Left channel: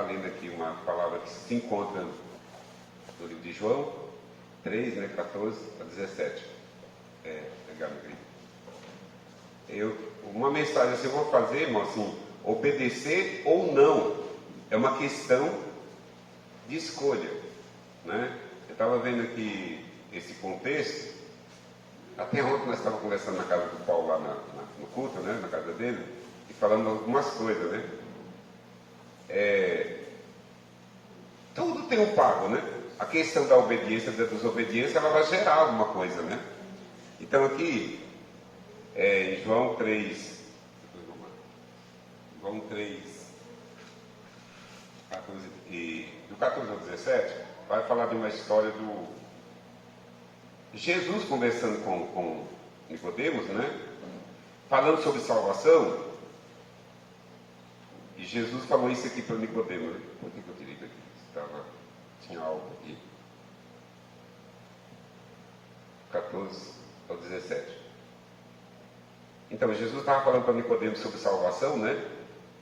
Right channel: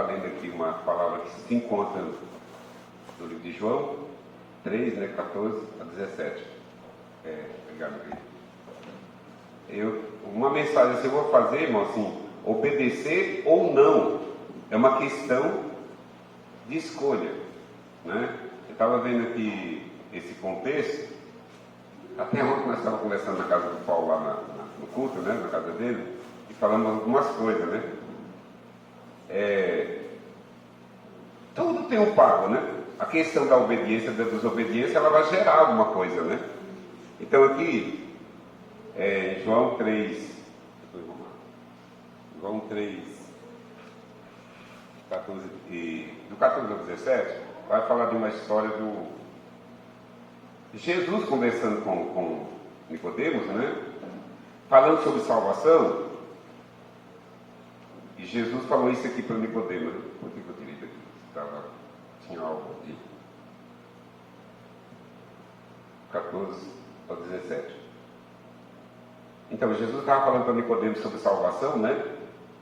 estar lendo aqui uma palavra que se encontra no livro de João 3, 14 a 17. Obrigado, uma mensagem assim, eu vou fazer, irmão, assim, obedecer ou não, é uma questão de escolha, né? Eu estava vendo aqui esse contexto, até ontem nós estávamos conversando na casa do Paulo, lá no culto, né, na casa dele, e falamos algumas coisas, né? Tudo tem um pago, né? A questão da obediência, da desobediência, ela vai gerar alguma coisa, né? Então aqui, em João 3, 14, do 14 ao 17, vai falar de uma história do Jesus conversando com Nicodemos, né? Falando sobre salvação. E Jesus falou isso aqui para Nicodemos. Por que eu tirei daqui? Tinha algo aqui. 14 ao 17. Então, Jesus estava falando para Nicodemos sobre salvação, né?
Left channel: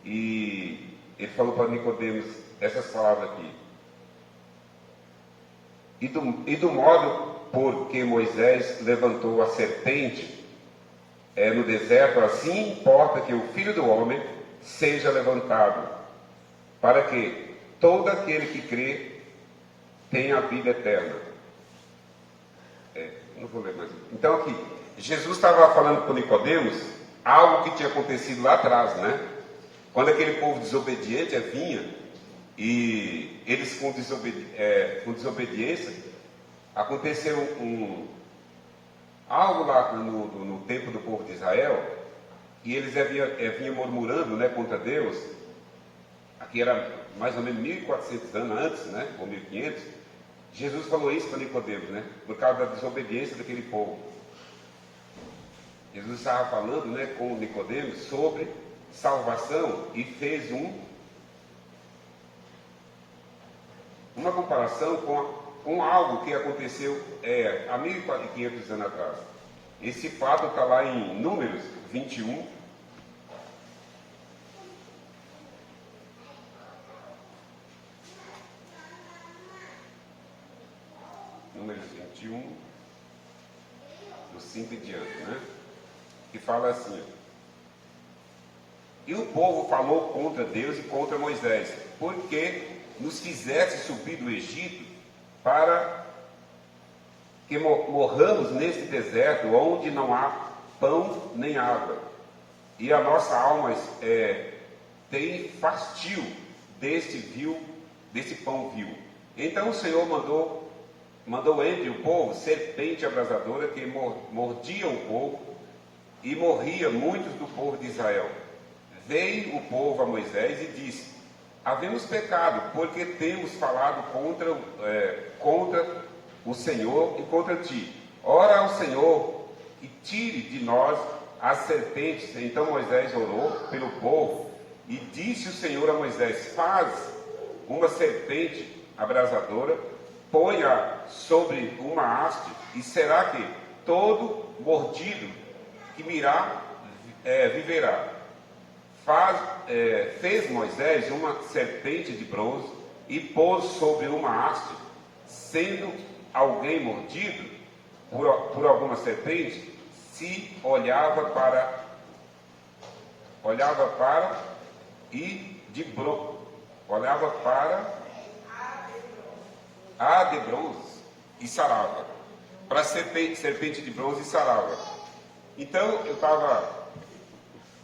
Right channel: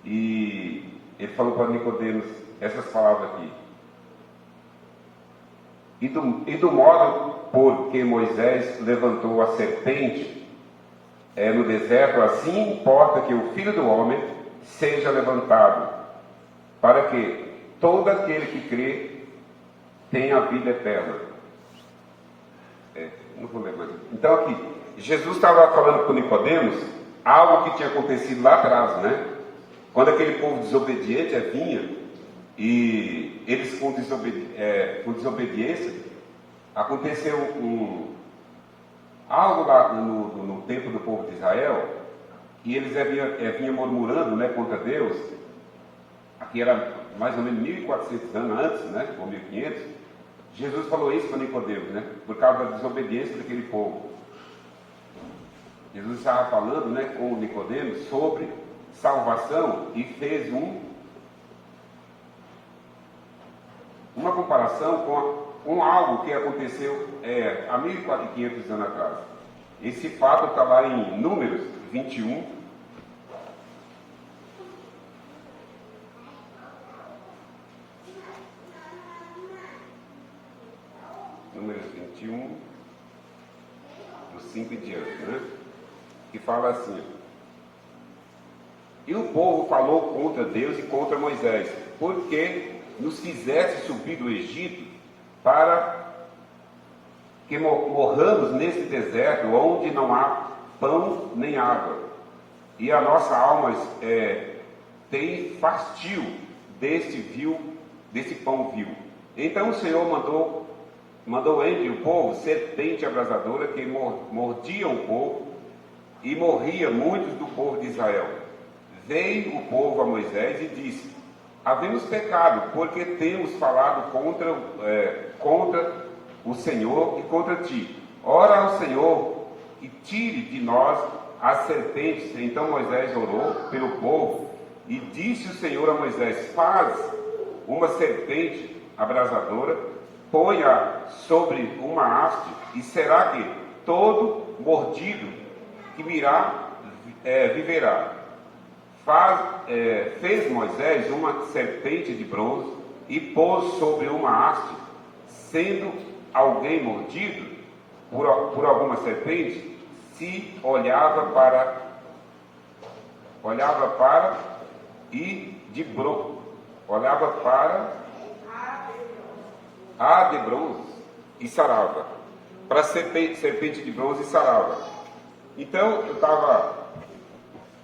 E ele falou para Nicodemos essas palavras aqui. E do modo por que Moisés levantou a serpente no deserto, assim importa que o Filho do Homem seja levantado, para que todo aquele que crê tenha a vida eterna. Não vou ler mais. Então aqui, Jesus estava falando para Nicodemos algo que tinha acontecido lá atrás, né? Quando aquele povo desobediente vinha, e eles com desobediência, aconteceu algo lá no tempo do povo de Israel, e eles vinham murmurando, né, contra Deus. Aqui era mais ou menos 1400 anos antes, né, ou 1500. Jesus falou isso para Nicodemos, né, por causa da desobediência daquele povo. Jesus estava falando, né, com Nicodemos sobre salvação e fez uma comparação com algo que aconteceu há 1500 anos atrás. Esse fato está lá em Números 21. Números 21, do 5 em diante, né? Que fala assim: e o povo falou contra Deus e contra Moisés, porque nos fizesse subir do Egito para que morramos nesse deserto, onde não há pão nem água, e a nossa alma tem fastio desse pão vil. Então o Senhor mandou entre o povo serpente abrasadora que mordia o povo, e morria muitos do povo de Israel. Veio o povo a Moisés e disse: havemos pecado, porque temos falado contra o Senhor e contra ti. Ora ao Senhor e tire de nós as serpentes. Então Moisés orou pelo povo, e disse o Senhor a Moisés: faz uma serpente abrasadora, põe-a sobre uma haste, e será que todo mordido que viverá. Fez Moisés uma serpente de bronze e pôs sobre uma haste. Sendo alguém mordido por alguma serpente, se olhava para a de bronze e sarava. Para serpente de bronze e sarava. Então eu estava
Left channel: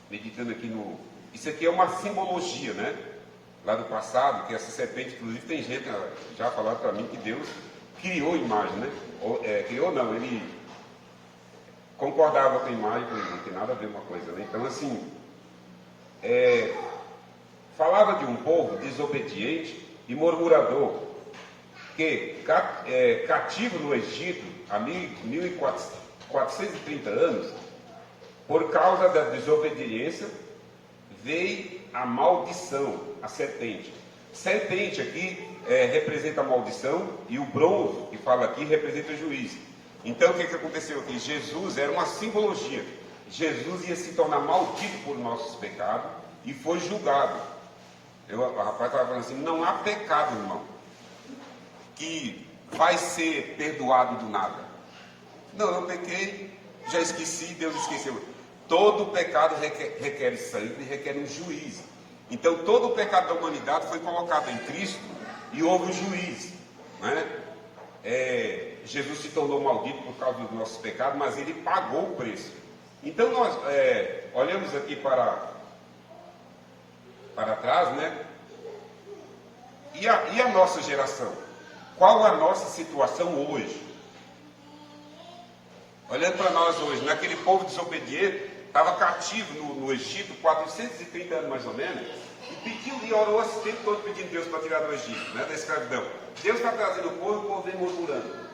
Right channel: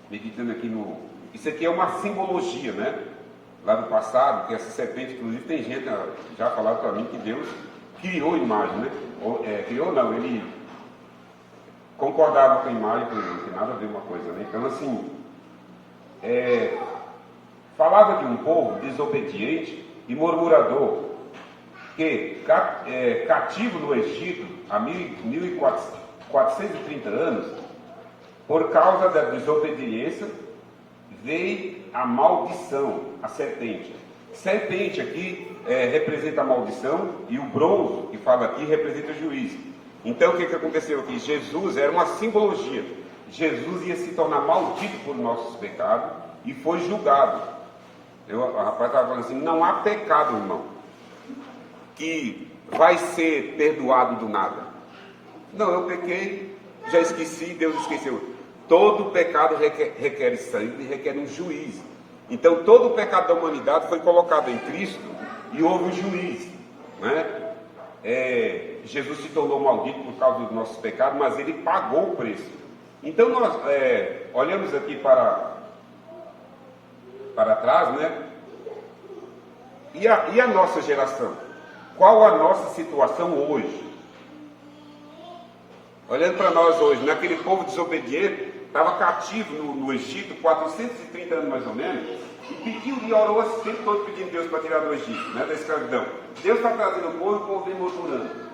meditando aqui isso aqui é uma simbologia, né? Lá do passado, que essa serpente, inclusive tem gente já falado para mim que Deus criou a imagem, né? Criou não, ele concordava com a imagem, não tem nada a ver uma coisa, né? Então assim, falava de um povo desobediente e murmurador, que cativo no Egito há 1430 anos, por causa da desobediência, veio a maldição, a serpente. Serpente aqui representa a maldição, e o bronze, que fala aqui, representa o juízo. Então o que aconteceu aqui? Jesus era uma O rapaz estava falando assim, não há pecado, irmão, que vai ser perdoado do nada. Não, eu pequei, já esqueci, Deus esqueceu. Todo pecado requer sangue e requer um juiz. Então todo o pecado da humanidade foi colocado em Cristo e houve um juiz, né? Jesus se tornou maldito por causa dos nossos pecados, mas ele pagou o preço. Então nós olhamos aqui para trás, né? E a nossa geração? Qual a nossa situação hoje? Olhando para nós hoje, naquele povo desobediente, estava cativo no Egito, 430 anos mais ou menos, e pediu e orou esse tempo todo pedindo Deus para tirar do Egito, né, da escravidão. Deus está trazendo o povo e o povo vem murmurando.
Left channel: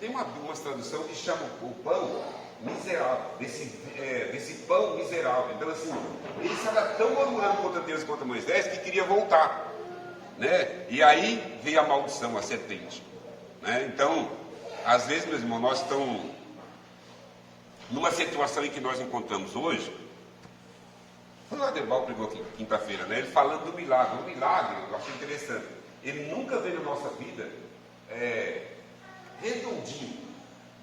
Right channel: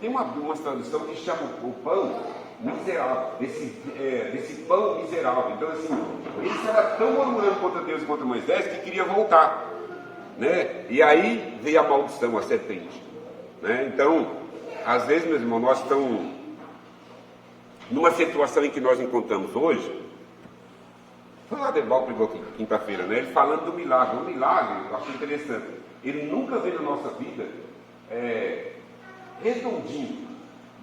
Tem uma tradução que chama o pão miserável, desse pão miserável. Então assim, eles estavam tão murmurando contra Deus e contra Moisés que queria voltar, né? E aí veio a maldição, a serpente, né? Então, às vezes, meus irmãos, nós estamos numa situação em que nós encontramos hoje. Foi o Aderbal pegou aqui, quinta-feira, né? Ele falando do milagre. O milagre, eu achei interessante. Ele nunca veio na nossa vida redondinho,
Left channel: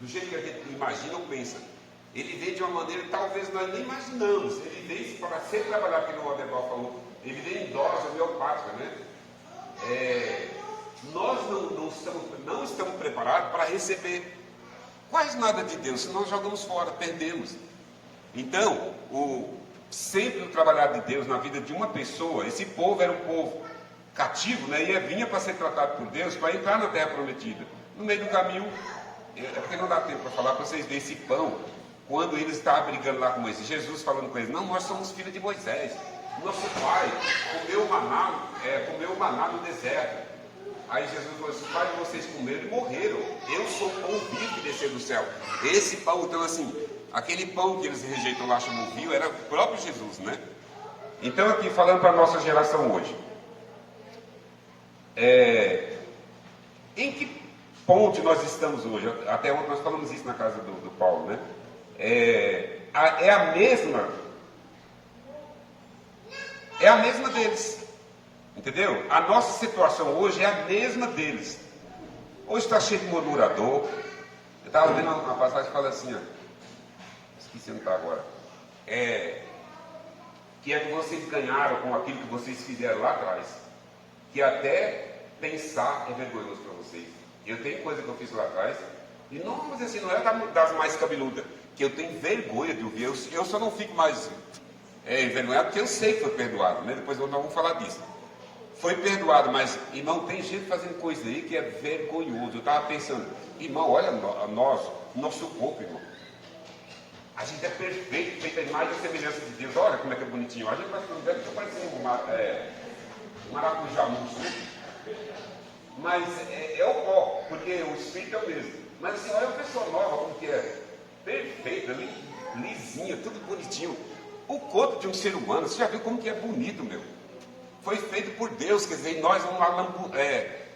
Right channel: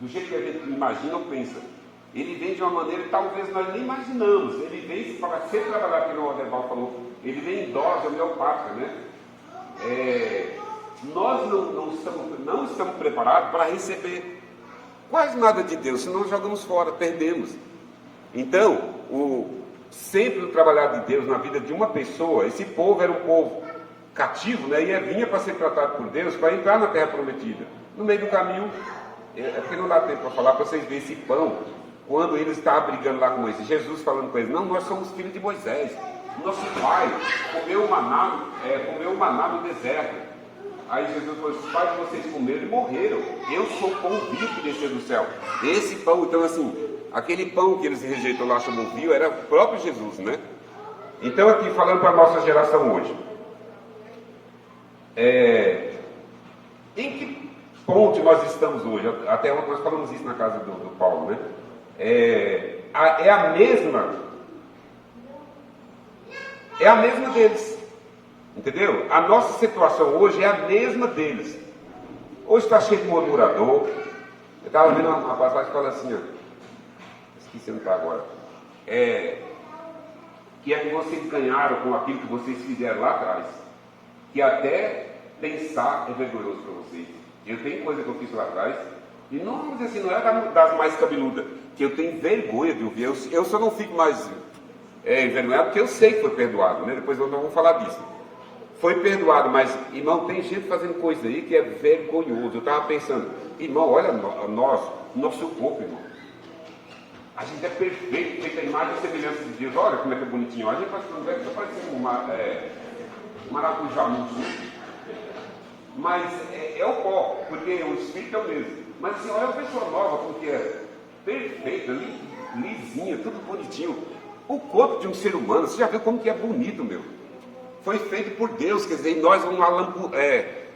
do jeito que a gente imagina ou pensa. Ele vem de uma maneira que talvez nós nem imaginamos. Ele vem para ser trabalhado, que o Aderbal falou, ele vem em dose homeopática, né? Nós não estamos preparados para receber quase nada de Deus, senão nós jogamos fora, perdemos. Então, sempre o trabalhar de Deus na vida de uma pessoa, esse povo era um povo cativo, né? E vinha para ser tratado por Deus, para entrar na terra prometida. No meio do caminho, porque não dá tempo para falar, para vocês verem esse pão, quando eles estavam brigando lá com Moisés, Jesus falando com eles, não, nós somos filhos de Moisés, nosso pai comeu o maná no deserto. Aí Jesus falou, os pais de vocês comeram e morreram, eu sou o pão vivo que desceu do céu. Esse pão, então assim, aquele pão que eles rejeitam lá, chamam vivo, era o próprio Jesus, né? Então aqui, falando para a nossa geração hoje, em que ponto nós estamos hoje? Até ontem nós falamos isso na casa do Paulo, né? É a mesma deles, entendeu? A nossa situação hoje é a mesma deles. Hoje está cheio de murmurador. Eu estava vendo uma passagem que fala assim, ó, esqueci onde está agora, que vocês ganharam com aquilo que vocês fizeram lá atrás, que até pensar é vergonhoso para vocês. Eu tenho coisa que eu fiz lá atrás, e não, vamos dizer assim, não é das mais cabeludas, que eu tenho vergonha de ouvir. Eu só não fico mais envergonhado, porque eu sei que foi perdoado, né? Depois nós vamos falar disso. Foi perdoado, mas, irmão, tem gente fazendo coisa aí que é vergonhoso. Eu estava pensando, irmão, olha nosso corpo, irmão. A gente é perfeito, feita a imagem e semelhança de Deus. Olha como é que é bonitinho. A gente deve estar parecendo um maracujá muito sujo. Mas é o pó, porque o espírito é o mesmo. Mas assim, olha a pessoa nova, como que é perfeita, lisinha, tudo bonitinho. O corpo de um ser humano, você já viu como que é bonito, meu? Foi feito por Deus, quer dizer, nós vamos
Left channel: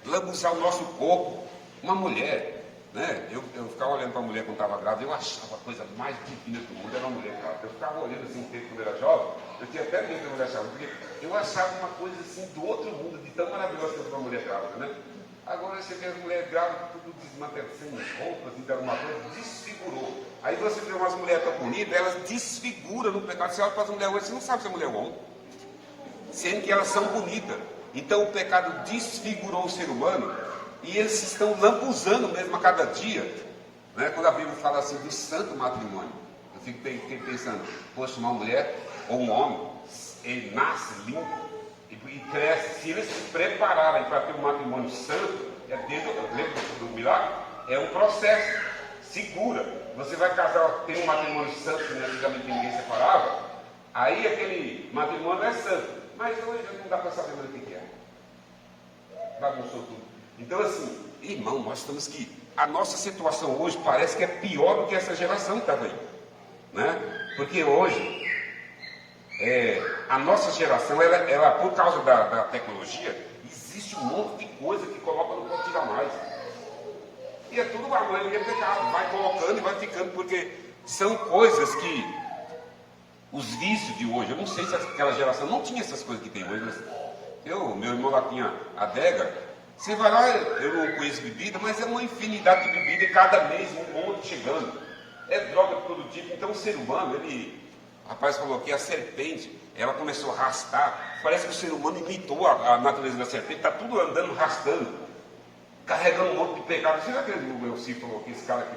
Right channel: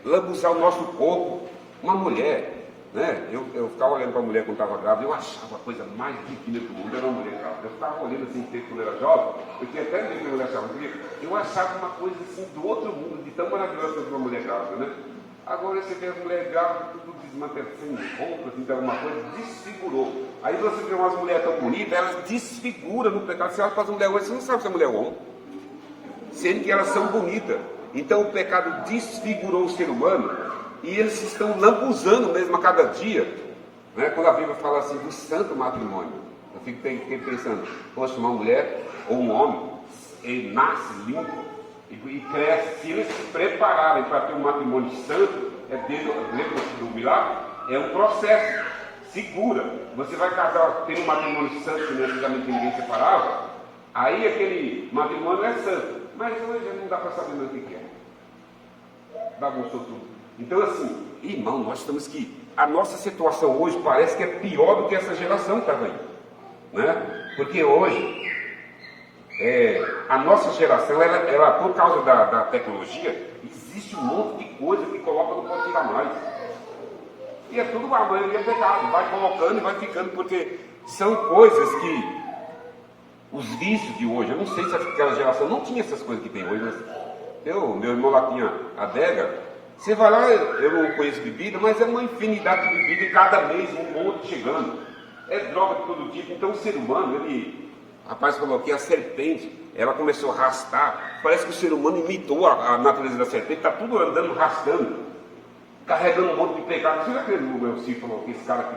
lambuzar o nosso corpo. Uma mulher, né? Eu ficava olhando para a mulher quando estava grávida, eu achava a coisa mais divina do mundo, era uma mulher grávida. Eu ficava olhando assim, quando eu era jovem, eu tinha até medo que a mulher achava, porque eu achava uma coisa assim do outro mundo, de tão maravilhosa quanto uma mulher grávida, né? Agora você vê a mulher grávida, tudo desmantelado, sem roupas, então alguma coisa, desfigurou. Aí você vê umas mulheres tão bonitas, elas desfiguram no pecado. Você olha para as mulheres hoje, você não sabe se é mulher ou homem, sendo que elas são bonitas. Então o pecado desfigurou o ser humano e eles estão lambuzando mesmo a cada dia, né? Quando a Bíblia fala assim do santo matrimônio, eu fico pensando, poxa, uma mulher ou um homem, ele nasce limpo e cresce. Se eles se prepararem para ter um matrimônio santo, lembra do milagre? É um processo, segura. Você vai casar, ter um matrimônio santo, que antigamente ninguém separava, aí aquele matrimônio é santo. Mas hoje não dá para saber mais o que é. Bagunçou tudo. Então assim, irmão, nós estamos que... A nossa situação hoje parece que é pior do que essa geração que estava aí, né? Porque hoje, a nossa geração, ela por causa da tecnologia, existe um monte de coisa que coloca no ponto tirar mais. E é tudo, a maioria é pecado. Vai colocando e vai ficando, porque são coisas que... Os vícios de hoje, eu não sei se aquela geração não tinha essas coisas que tem hoje, mas Meu irmão lá tinha adega. Você vai lá, eu não conheço bebida, mas é uma infinidade de bebida e cada mês um monte chegando. É droga de todo tipo. Então o ser humano, o rapaz falou que a serpente, ela começou a arrastar. Parece que o ser humano imitou a natureza da serpente, está tudo andando, arrastando, carregando um monte de pecado. Você já acredita no meu Ciro falou que esse cara aqui,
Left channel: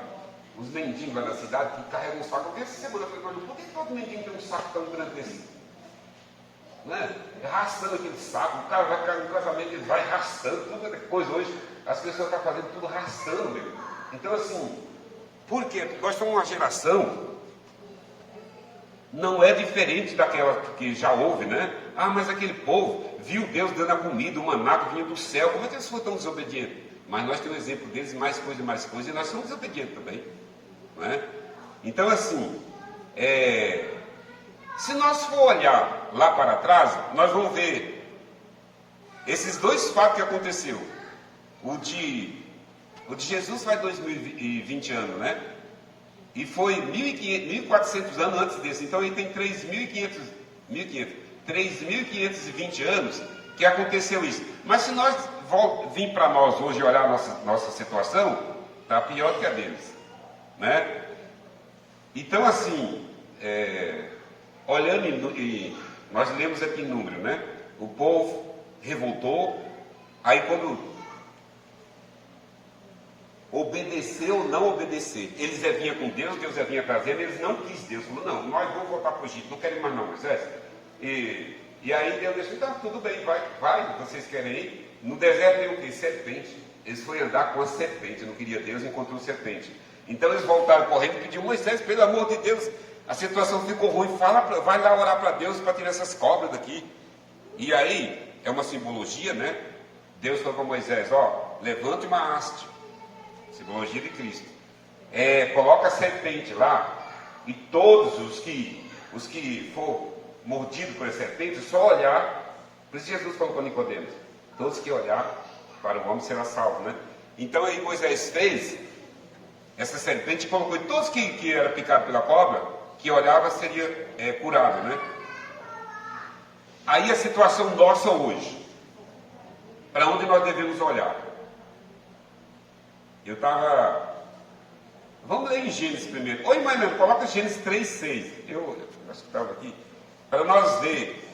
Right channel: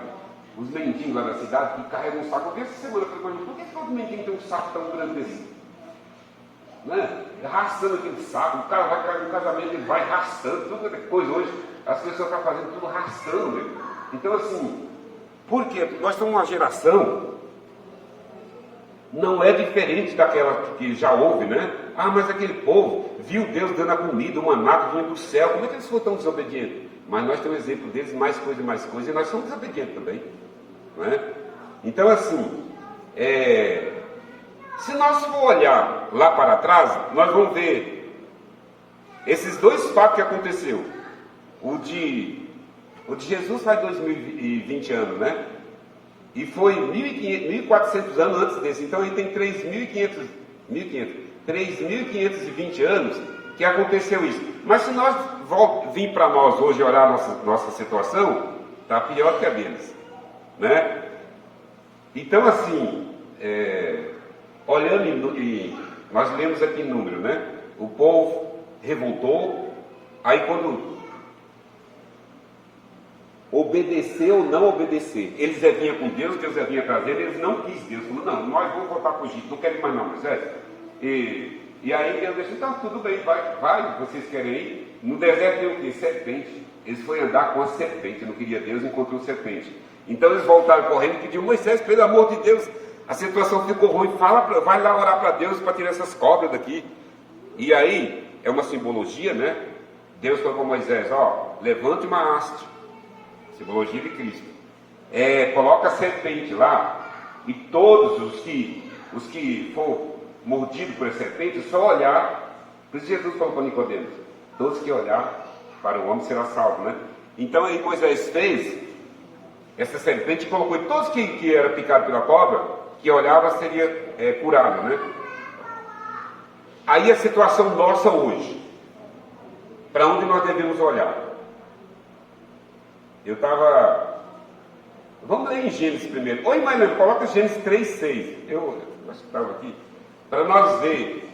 os mendigos lá da cidade, que carregam um saco? Eu vi essa semana, eu falei, por que todo mendigo tem um saco tão grande desse? Né? Arrastando aquele saco, o cara vai cair no casamento, ele vai arrastando, toda coisa hoje, as pessoas estão fazendo tudo arrastando. Né? Então assim, por quê? Porque nós somos uma geração, não é diferente daquela que já houve, né? Ah, mas aquele povo viu Deus dando a comida, o maná que vinha do céu, como é que eles foram tão desobedientes? Mas nós temos exemplo deles, mais coisa, e nós somos desobedientes também, não é? Então assim, se nós for olhar lá para trás, nós vamos ver esses dois fatos que aconteceu. O de Jesus faz 2020 anos, né? E foi 1.400 anos antes desse. Então ele tem 3.520 anos que aconteceu isso. Mas se nós vir para nós hoje olhar a nossa situação, está pior que a deles, né? Então assim, olhando e nós lemos aqui em número, né? O povo revoltou, aí quando obedeceu ou não obedecer, eles vinham com Deus vinha trazendo, eles não quis Deus, falou, não, nós vamos voltar para o Egito, não quero ir mais não, Moisés. E aí Deus disse, então tudo bem, vai, vocês querem ir? No deserto tem o quê? Serpente. Eles foram andar com a serpente, não queria Deus, encontrou serpente. Então eles voltaram correndo e pediram, Moisés, pelo amor de Deus, a situação ficou ruim, vai lá orar para Deus para tirar essas cobras daqui. E aí, é uma simbologia, né? Deus falou para Moisés, levante uma haste, simbologia de Cristo. Coloca a serpente lá, e todos os que for mordido por essa serpente, só olhar. Por isso Jesus falou para Nicodemos, todos que olhar para o homem será salvo, né? Então aí Moisés fez essa serpente e colocou, e todos que era picado pela cobra, que olhava seria curado, né? Aí a situação nossa hoje, para onde nós devemos olhar? Eu estava... Vamos ler em Gênesis primeiro. Oi, mãe, coloca Gênesis 3:6. Eu acho que estava aqui. Para nós ver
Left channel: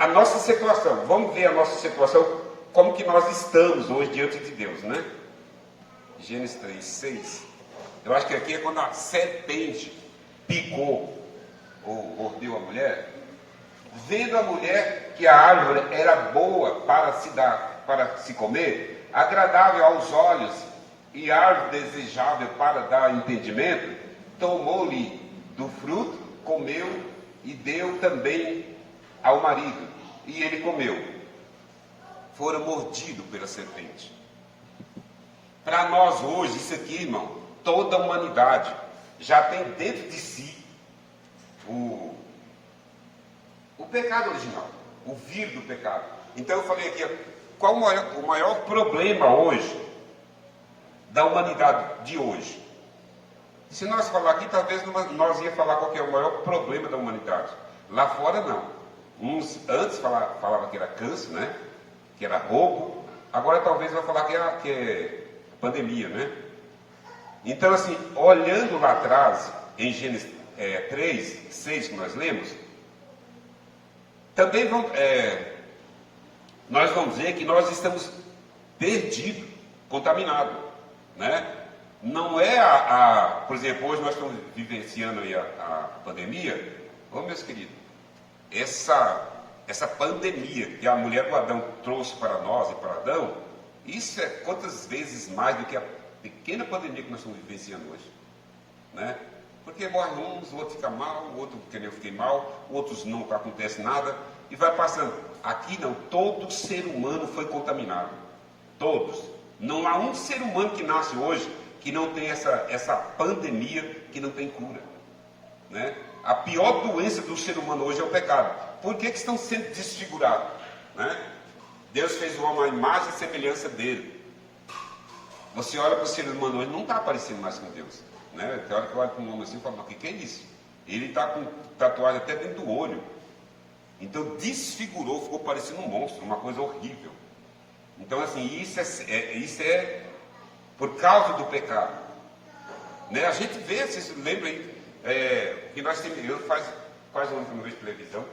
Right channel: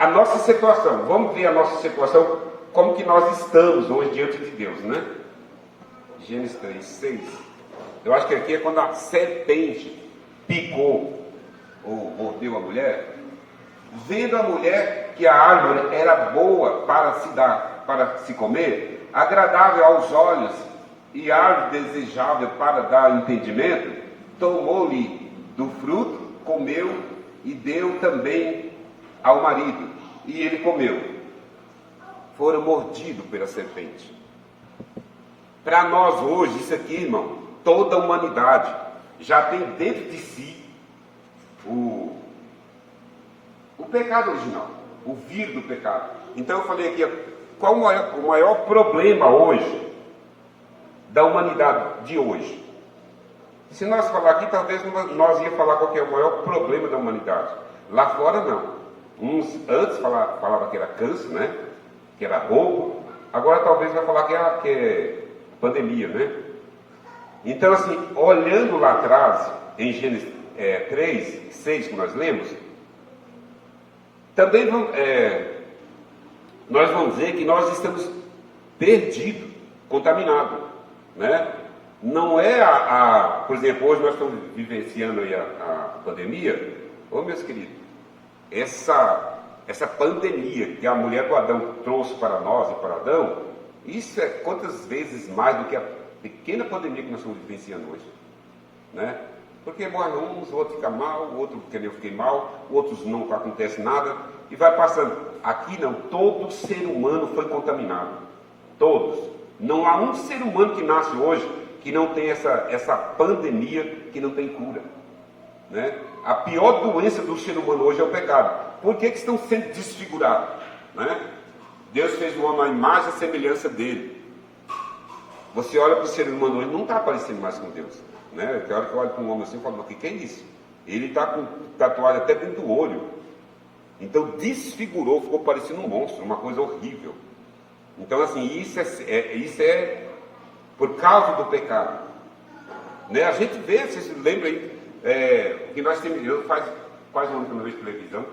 a nossa situação. Vamos ver a nossa situação, como que nós estamos hoje diante de Deus, né? Gênesis 3:6. Eu acho que aqui é quando a serpente picou ou mordeu a mulher. Vendo a mulher que a árvore era boa para se comer, agradável aos olhos e árvore desejável para dar entendimento, tomou-lhe do fruto, comeu e deu também ao marido, e ele comeu. Foram mordidos pela serpente. Para nós hoje, isso aqui, irmão, toda a humanidade já tem dentro de si o pecado original, o vírus do pecado. Então eu falei aqui, qual o maior problema hoje da humanidade de hoje? Se nós falar aqui, talvez nós ia falar qual que é o maior problema da humanidade. Lá fora não. Uns antes falavam que era câncer, né? Que era roubo. Agora talvez vai falar que é pandemia, né? Então assim, olhando lá atrás, em Gênesis 3:6 que nós lemos, também nós vamos ver que nós estamos perdidos, contaminados, né? Não é por exemplo, hoje nós estamos vivenciando aí a pandemia. Meus queridos, essa pandemia que a mulher do Adão trouxe para nós e para Adão, isso é quantas vezes mais do que a pequena pandemia que nós estamos vivenciando hoje, né? Porque morre uns, o outro fica mal, o outro que nem eu fiquei mal, outros não acontece nada, e vai passando. Aqui não, todo ser humano foi contaminado. Todos. Não há um ser humano que nasce hoje que não tem essa pandemia, que não tem cura, né? A pior doença do ser humano hoje é o pecado. Por que estão sendo desfigurados, né? Deus fez o homem à imagem e semelhança dele. Você olha para o ser humano hoje, não está parecendo mais com Deus, né? Tem hora que eu olho para um homem assim e falo, o que é isso? Ele está com tatuagem até dentro do olho. Então desfigurou, ficou parecendo um monstro, uma coisa horrível. Então assim, isso é por causa do pecado. Né? A gente vê, vocês se lembram aí, que nós temos, eu faz quase um ano que eu não vejo televisão,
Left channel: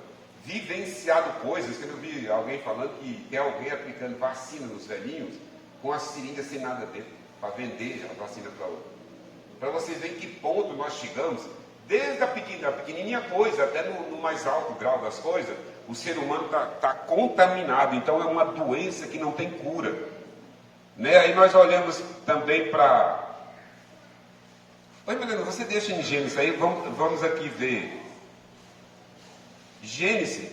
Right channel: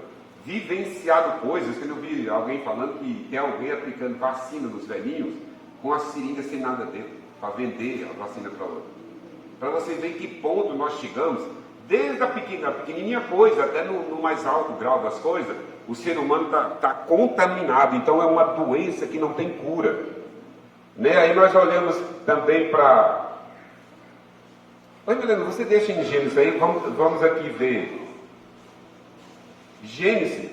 vivenciado coisas, que eu vi alguém falando que tem alguém aplicando vacina nos velhinhos com a seringa sem nada dentro, para vender a vacina para outro. Para vocês verem que ponto nós chegamos, desde a pequenininha coisa até no mais alto grau das coisas, o ser humano está contaminado, então é uma doença que não tem cura. Né? Aí nós olhamos também para... Oi, Milena, você deixa em Gênesis aí, vamos aqui ver. Gênesis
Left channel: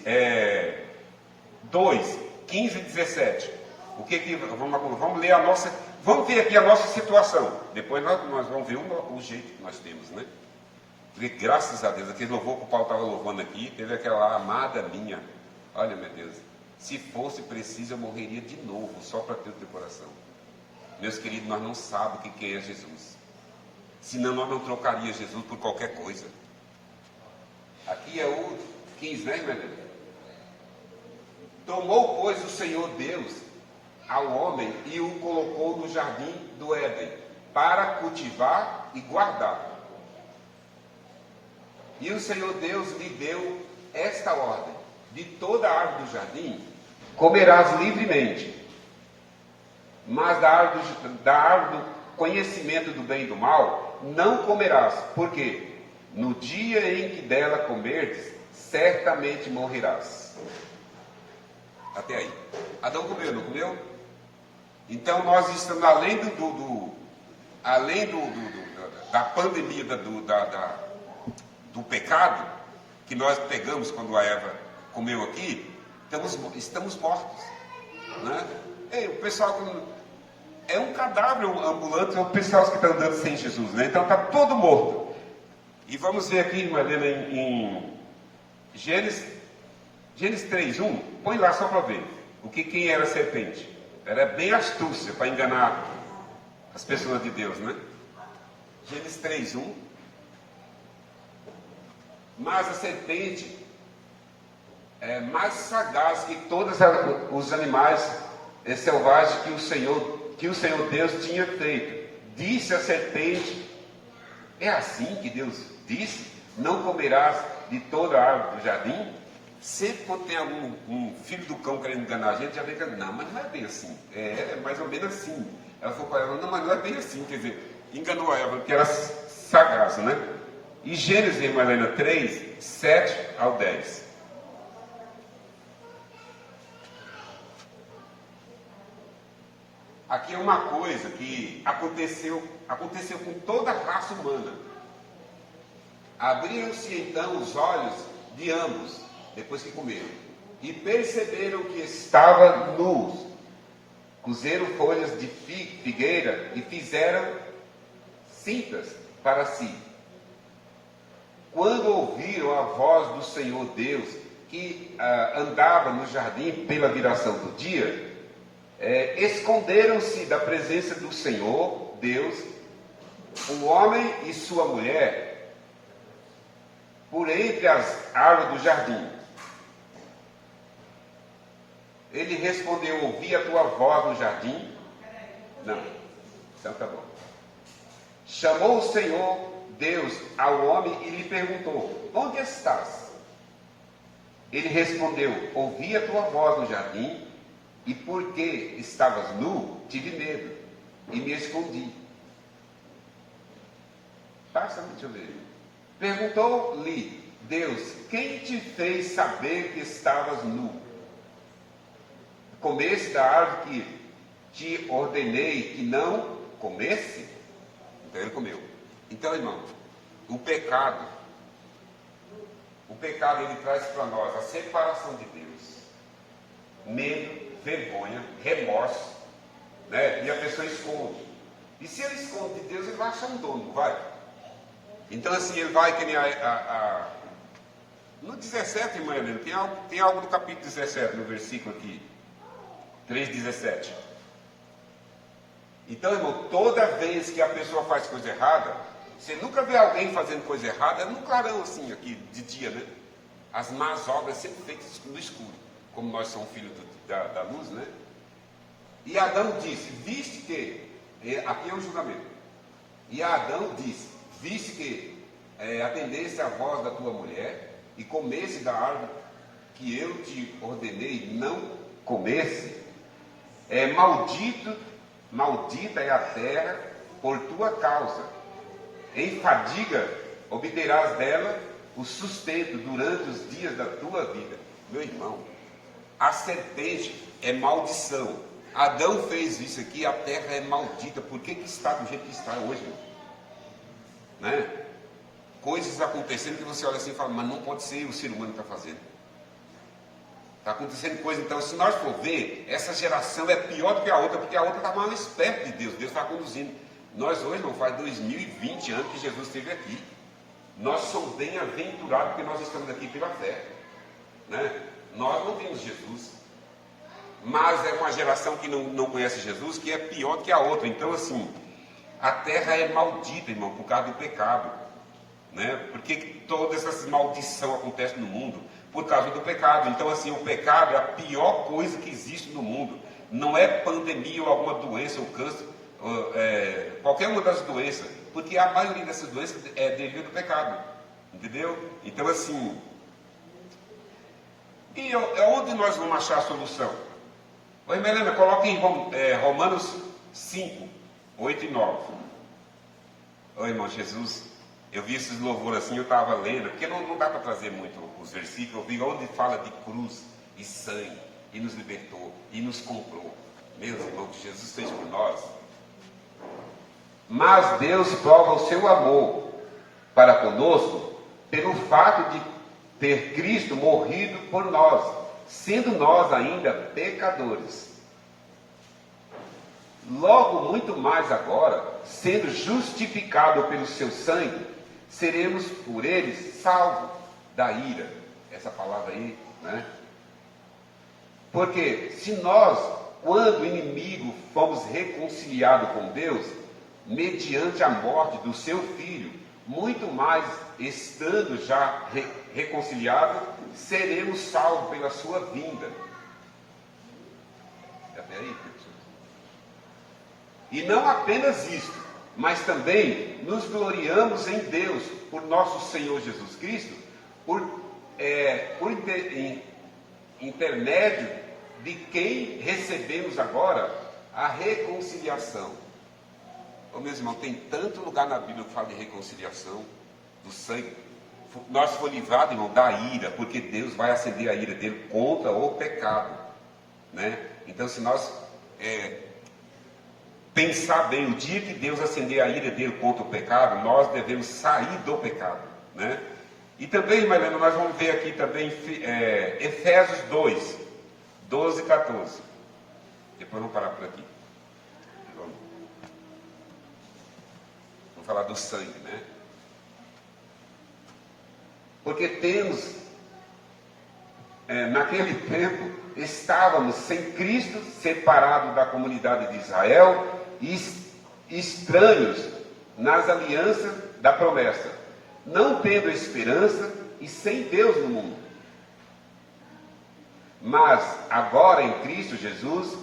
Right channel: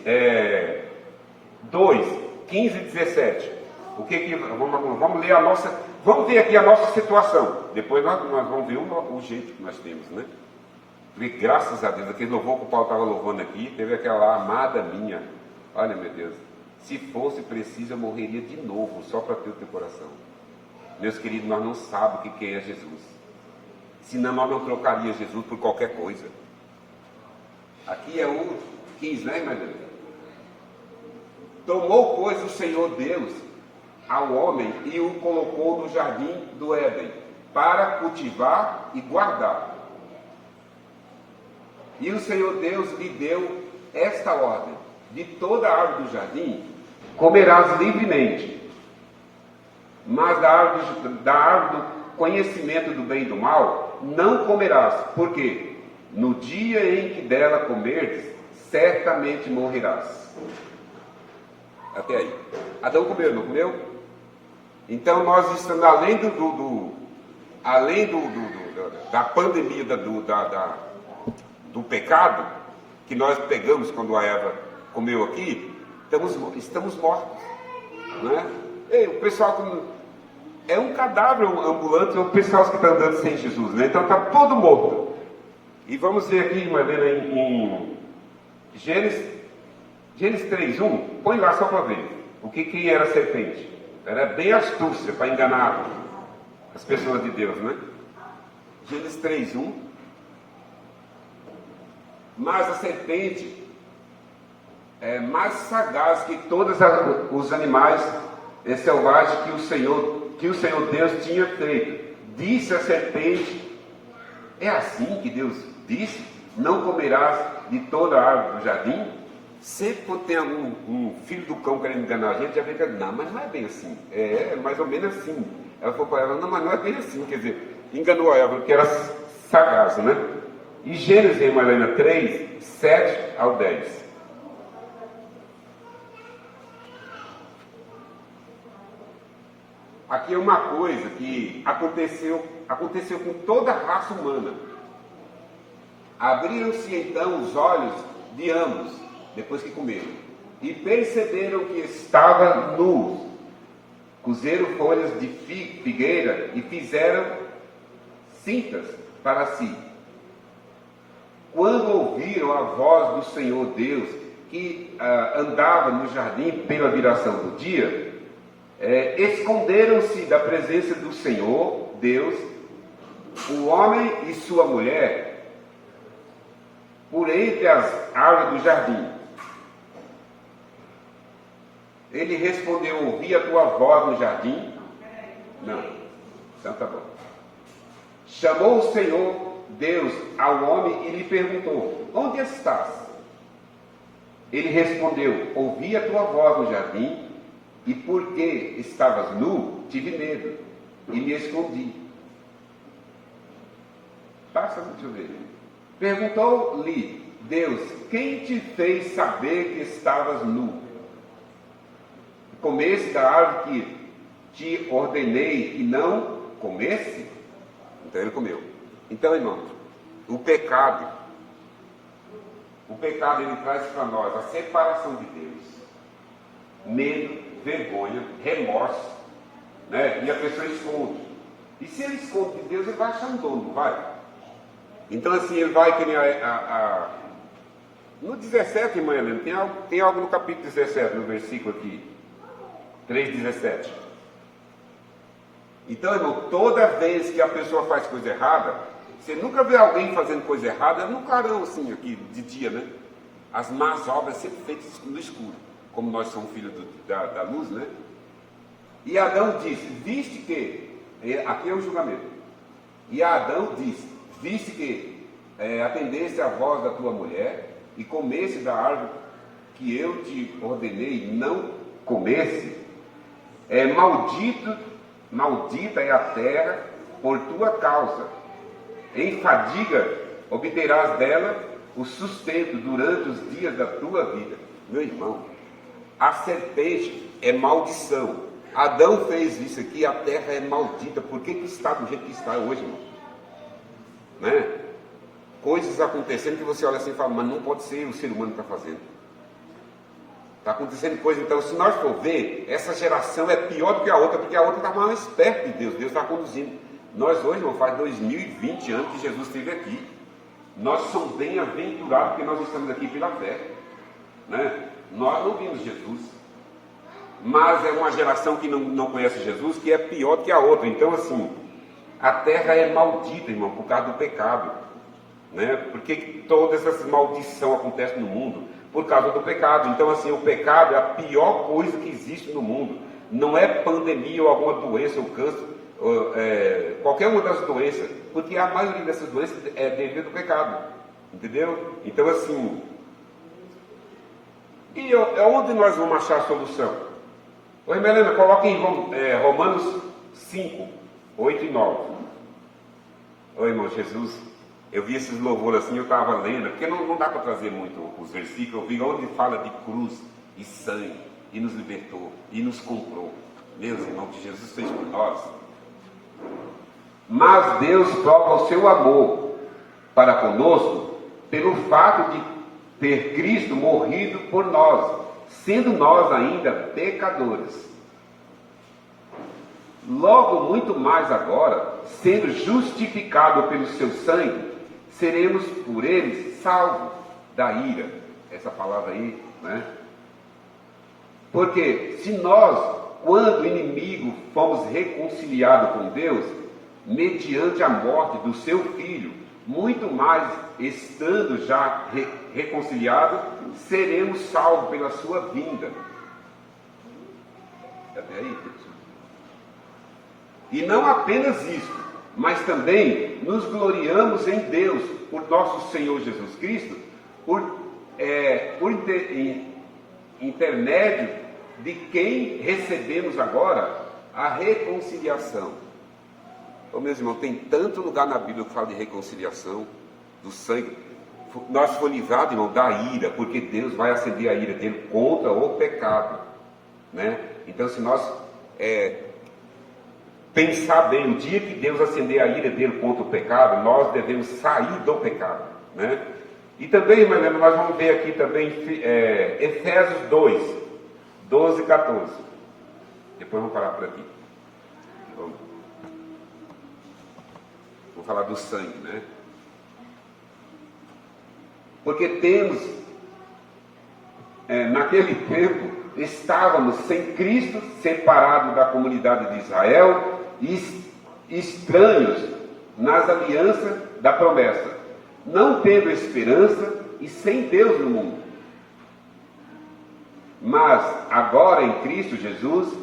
2, 15 e 17. Vamos ler vamos ver aqui a nossa situação. Depois nós vamos ver o jeito que nós temos, né? Porque, graças a Deus, aquele louvor que o Paulo estava louvando aqui, teve aquela lá, amada minha. Olha, meu Deus, se fosse preciso, eu morreria de novo, só para ter o teu coração. Meus queridos, nós não sabemos o que é Jesus. Senão nós não trocaríamos Jesus por qualquer coisa. Aqui é o 15, né, irmã? Tomou, pois, o Senhor Deus ao homem e o colocou no jardim do Éden, para cultivar e guardar. E o Senhor Deus lhe deu esta ordem: de toda a árvore do jardim comerás livremente, mas da árvore do conhecimento do bem e do mal não comerás, porque no dia em que dela comerdes, certamente morrerás. Até aí. Adão comeu, não comeu? Então nós estamos, além da pandemia do pecado, que nós pegamos quando a Eva comeu aqui, estamos mortos. Né? Ei, o pessoal é um cadáver ambulante, é o pessoal que está andando sem Jesus, né? Então está todo morto. E vamos ver aqui, irmã Helena, em Gênesis 3:1, põe lá só para ver quem era a serpente. Era bem astúcia para enganar as pessoas de Deus, né? Gênesis 3:1. Mas a serpente é mais sagaz que todos os animais selvagens que o Senhor Deus tinha feito. Disse a serpente: é assim que Deus disse: não comerás de toda a árvore do jardim? Sempre quando tem um filho do cão querendo enganar a gente, já vem que não, mas não é bem assim. É mais ou menos assim. Ela falou para ela: não, mas não é bem assim. Quer dizer, enganou a Eva, porque era sagaz, né? E Gênesis, irmã Helena, 3, 7 ao 10. Aqui é uma coisa que aconteceu com toda a raça humana. Abriram-se então os olhos de ambos, depois que comeram, e perceberam que estavam nus. Cozeram folhas de figueira e fizeram cintas para si. Quando ouviram a voz do Senhor Deus, que andava no jardim pela viração do dia, esconderam-se da presença do Senhor Deus, o homem e sua mulher, por entre as árvores do jardim. Ele respondeu: ouvi a tua voz no jardim? Não. Então tá bom. Chamou o Senhor Deus ao homem e lhe perguntou: onde estás? Ele respondeu: ouvi a tua voz no jardim, e porque estavas nu, tive medo e me escondi. Passa, deixa eu ver. Perguntou-lhe Deus: quem te fez saber que estavas nu? Comesse da árvore que te ordenei que não comesse? Então ele comeu. Então, irmão, o pecado ele traz para nós a separação de Deus, medo, vergonha, remorso, né? E a pessoa esconde. E se ele esconde de Deus, ele vai achar um dono, não vai? Então, assim, ele vai que nem no 17, irmã Helena, tem algo no capítulo 17, no versículo aqui, 3:17. Então, irmão, toda vez que a pessoa faz coisa errada, você nunca vê alguém fazendo coisa errada no clarão assim, aqui, de dia, né? as más obras sempre feitas no escuro, como nós somos filhos da luz, né? E Adão disse, viste que, aqui é o julgamento, e Adão disse, viste que atendesse à voz da tua mulher, e comesse da árvore que eu te ordenei não comesse, maldita é a terra por tua causa, em fadiga obterás dela o sustento durante os dias da tua vida. Meu irmão, a serpente é maldição. Adão fez isso aqui, a terra é maldita. Por que está do jeito que está hoje, irmão? Né? Coisas acontecendo que você olha assim e fala, mas não pode ser o ser humano que está fazendo. Está acontecendo coisa, então, se nós for ver, essa geração é pior do que a outra, porque a outra está mais perto de Deus, Deus está conduzindo. Nós hoje, irmão, faz 2020 anos que Jesus esteve aqui. Nós somos bem-aventurados porque nós estamos aqui pela fé, né? Nós não vimos Jesus, mas é uma geração que não conhece Jesus, que é pior do que a outra. Então, assim, a terra é maldita, irmão, por causa do pecado, né? Porque toda essa maldição acontece no mundo por causa do pecado. Então, assim, o pecado é a pior coisa que existe no mundo. Não é pandemia ou alguma doença, ou câncer, qualquer uma das doenças, porque a maioria dessas doenças é devido ao pecado, entendeu? Então, assim, e onde nós vamos achar a solução? Oi, Melena, coloque em Romanos 5, 8 e 9. Oi, irmão, Jesus, eu vi esses louvores assim, eu estava lendo, porque não dá para trazer muito os versículos, eu vi onde fala de cruz e sangue, e nos libertou, e nos comprou. Meus irmãos, que Jesus fez por nós. Mas Deus prova o seu amor para conosco pelo fato de ter Cristo morrido por nós, sendo nós ainda pecadores. Logo, muito mais agora, sendo justificado pelo seu sangue, seremos por ele salvos da ira. Essa palavra aí, né? Porque se nós, quando inimigo, fomos reconciliados com Deus, mediante a morte do seu Filho, muito mais, estando já reconciliados, seremos salvos pela sua vinda. Até aí, professor? E não apenas isso, mas também nos gloriamos em Deus, por nosso Senhor Jesus Cristo, por intermédio de quem recebemos agora a reconciliação. Ô, meus irmãos, tem tanto lugar na Bíblia que fala de reconciliação, do sangue. Nós fomos livrados, irmão, da ira, porque Deus vai acender a ira dele contra o pecado, né? Então, se nós pensar bem, o dia que Deus acender a ira dele contra o pecado, nós devemos sair do pecado, né? E também, irmã Helena, nós vamos ver aqui também Efésios 2, 12 e 14. Depois vamos parar por aqui. Vamos falar do sangue, né? Porque temos, naquele tempo, estávamos sem Cristo, separados da comunidade de Israel e estranhos nas alianças da promessa, não tendo esperança e sem Deus no mundo. Mas agora em Cristo Jesus,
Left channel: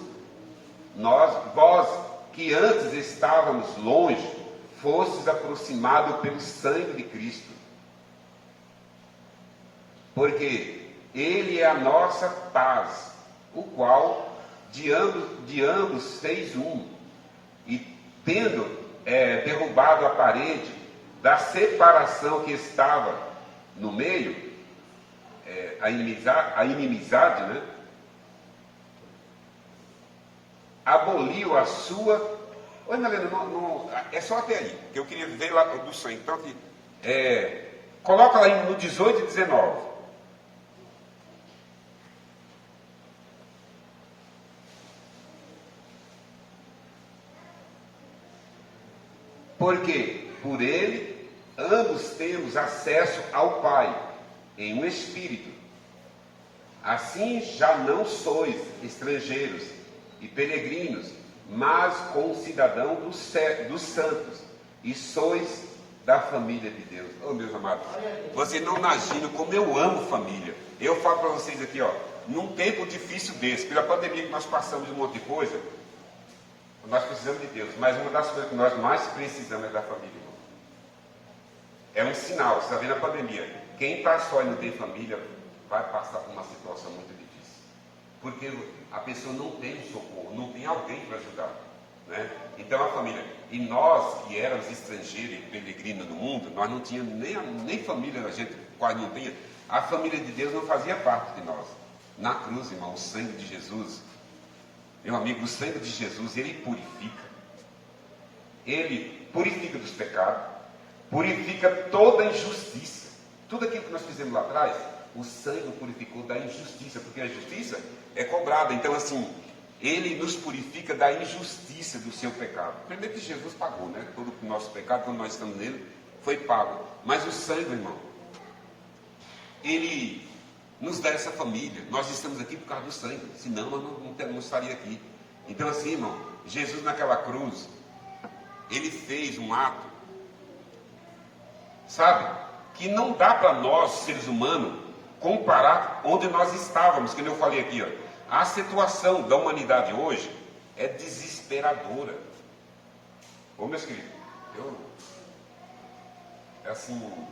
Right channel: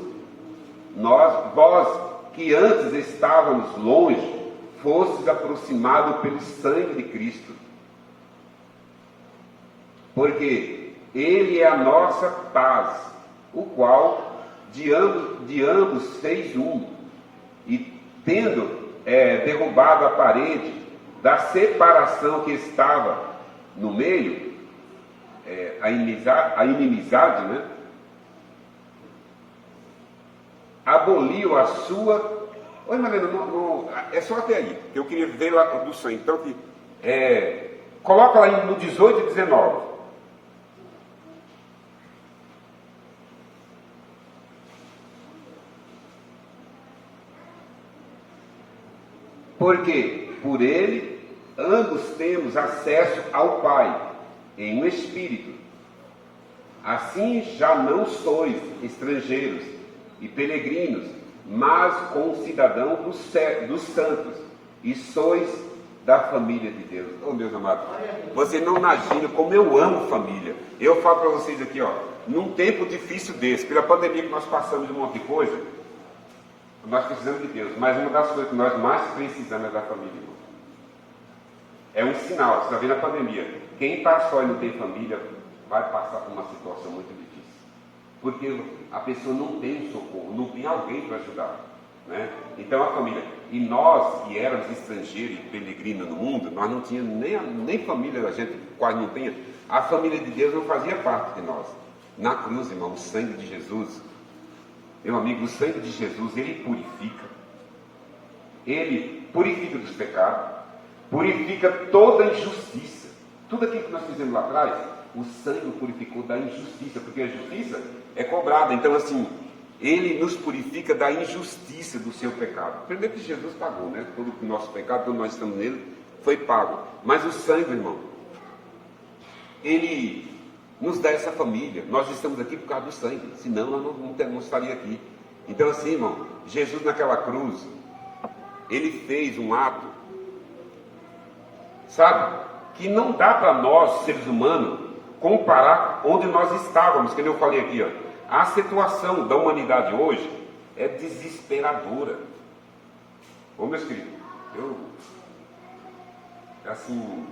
vós que antes estávamos longe, fostes aproximados pelo sangue de Cristo, porque Ele é a nossa paz, o qual de ambos fez um, e tendo derrubado a parede da separação que estava no meio, a inimizade, né? Aboliu a sua... Oi, Marlene, não, é só até aí, que eu queria ver lá do sangue. Então, coloca lá no 18 e 19. Porque por ele ambos temos acesso ao Pai em um Espírito. Assim já não sois estrangeiros e peregrinos, mas concidadãos dos santos, e sois da família de Deus. Oh, meus amados, você não imagina como eu amo família. Eu falo para vocês aqui, ó, num tempo difícil desse, pela pandemia que nós passamos de um monte de coisa, nós precisamos de Deus, mas uma das coisas que nós mais precisamos é da família, irmão. É um sinal, você está vendo a pandemia. Quem está só e não tem família, vai passar por uma situação muito difícil. Porque a pessoa não tem um socorro, não tem alguém para ajudar. Né? Então a família, e nós que éramos estrangeiros e peregrinos no mundo, nós não tínhamos nem família, a gente quase não tinha. A família de Deus não fazia parte de nós. Na cruz, irmão, o sangue de Jesus, meu amigo, o sangue de Jesus, ele purifica dos pecados, purifica toda injustiça. Tudo aquilo que nós fizemos lá atrás, o sangue purificou da injustiça, porque a justiça é cobrada. Então assim, ele nos purifica da injustiça do seu pecado. Primeiro que Jesus pagou, né? Todo o nosso pecado, quando nós estamos nele, foi pago. Mas o sangue, irmão, ele nos dá essa família. Nós estamos aqui por causa do sangue, senão nós não estaríamos aqui. Então assim, irmão, Jesus naquela cruz, ele fez um ato, sabe, que não dá para nós, seres humanos, comparar onde nós estávamos, que eu falei aqui, ó. A situação da humanidade hoje é desesperadora. Ô, meus queridos, assim,